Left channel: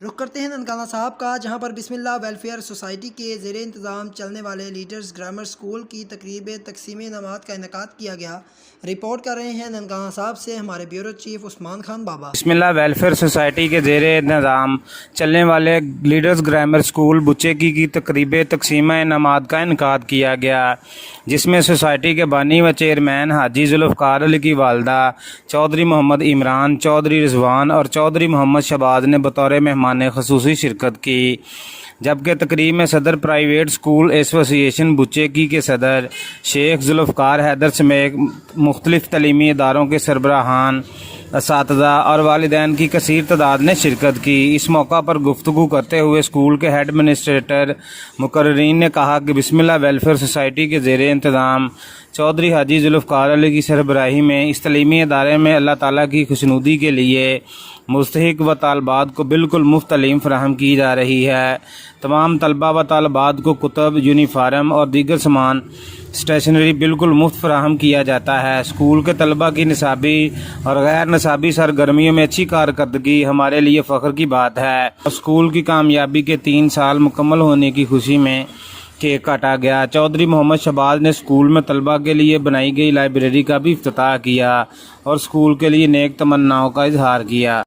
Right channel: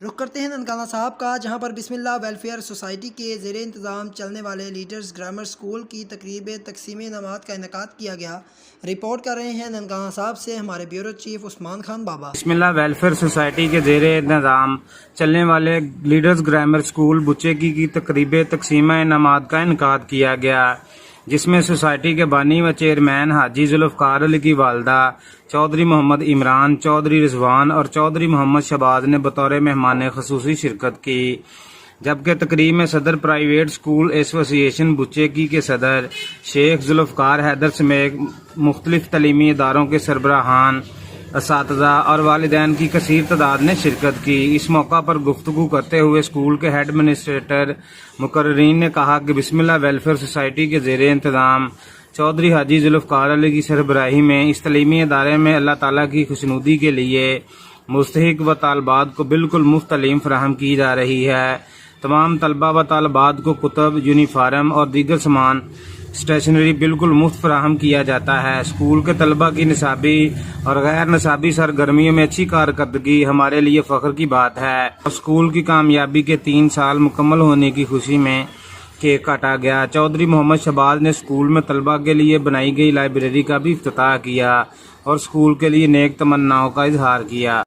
رخ کرتے ہیں ننکانہ صاحب کا، جہاں پر بسم اللہ ویلفیئر سوسائٹی کے زیر انتظام چلنے والے لیڈرز گرامر اسکول کی تقریب تقسیم انعامات کا انعقاد کیا گیا۔ رپورٹ کر رہے ہیں ننکانہ صاحب سے ہمارے بیورو چیف عثمان خان بابا۔ بسم اللہ ویلفیئر سوسائٹی کے زیر نظام چلنے والے لیڈرز گرامر اسکول بچے کی تقریب تقسیم انعامات کا انعقاد کیا گیا، جس میں سوسائٹی کے بانی و چیئرمین حاجی ذوالفقار علی کی والدہ چودھری محمد عمران، چودھری رضوان اور چودھری محمد شہباز نے بطور مہمان خصوصی شرکت کی، جبکہ تقریب میں صدر پرائیویٹ اسکول ایسوسی ایشن بچے کے صدر شیخ ذوالفقار حیدر سمیت مختلف تعلیمی اداروں کے سربراہان، اساتذہ اور والدین کی کثیر تعداد نے شرکت کی۔ اس موقع پر گفتگو کرتے ہوئے اسکول کے ہیڈ ایڈمنسٹریٹر مقررین نے کہا کہ بسم اللہ ویلفیئر سوسائٹی کے زیر انتظام چودھری حاجی ذوالفقار علی کی سربراہی میں اس تعلیمی ادارے میں اللہ تعالیٰ کی خوشنودی کے لیے مستحق و طالبات کو بالکل مفت تعلیم فراہم کی جا رہی ہے۔ تمام طلبہ و طالبات کو کتب، یونیفارم اور دیگر سامان اسٹیشنری بالکل مفت فراہم کیا جاتا ہے۔ اسکول کے طلبہ کی نصابی اور غیر نصابی سرگرمیوں میں اچھی کارکردگی ہمارے لیے فخر کی بات ہے۔ اسکول کی کامیابی کے 3 سال مکمل ہونے کی خوشی میں کیک کاٹا گیا۔ چودھری محمد شہباز نے اسکول میں طلبہ کے لیے بنائی گئی لائبریری کا بھی افتتاح کیا اور اسکول کے لیے نیک تمناؤں کا اظہار کیا۔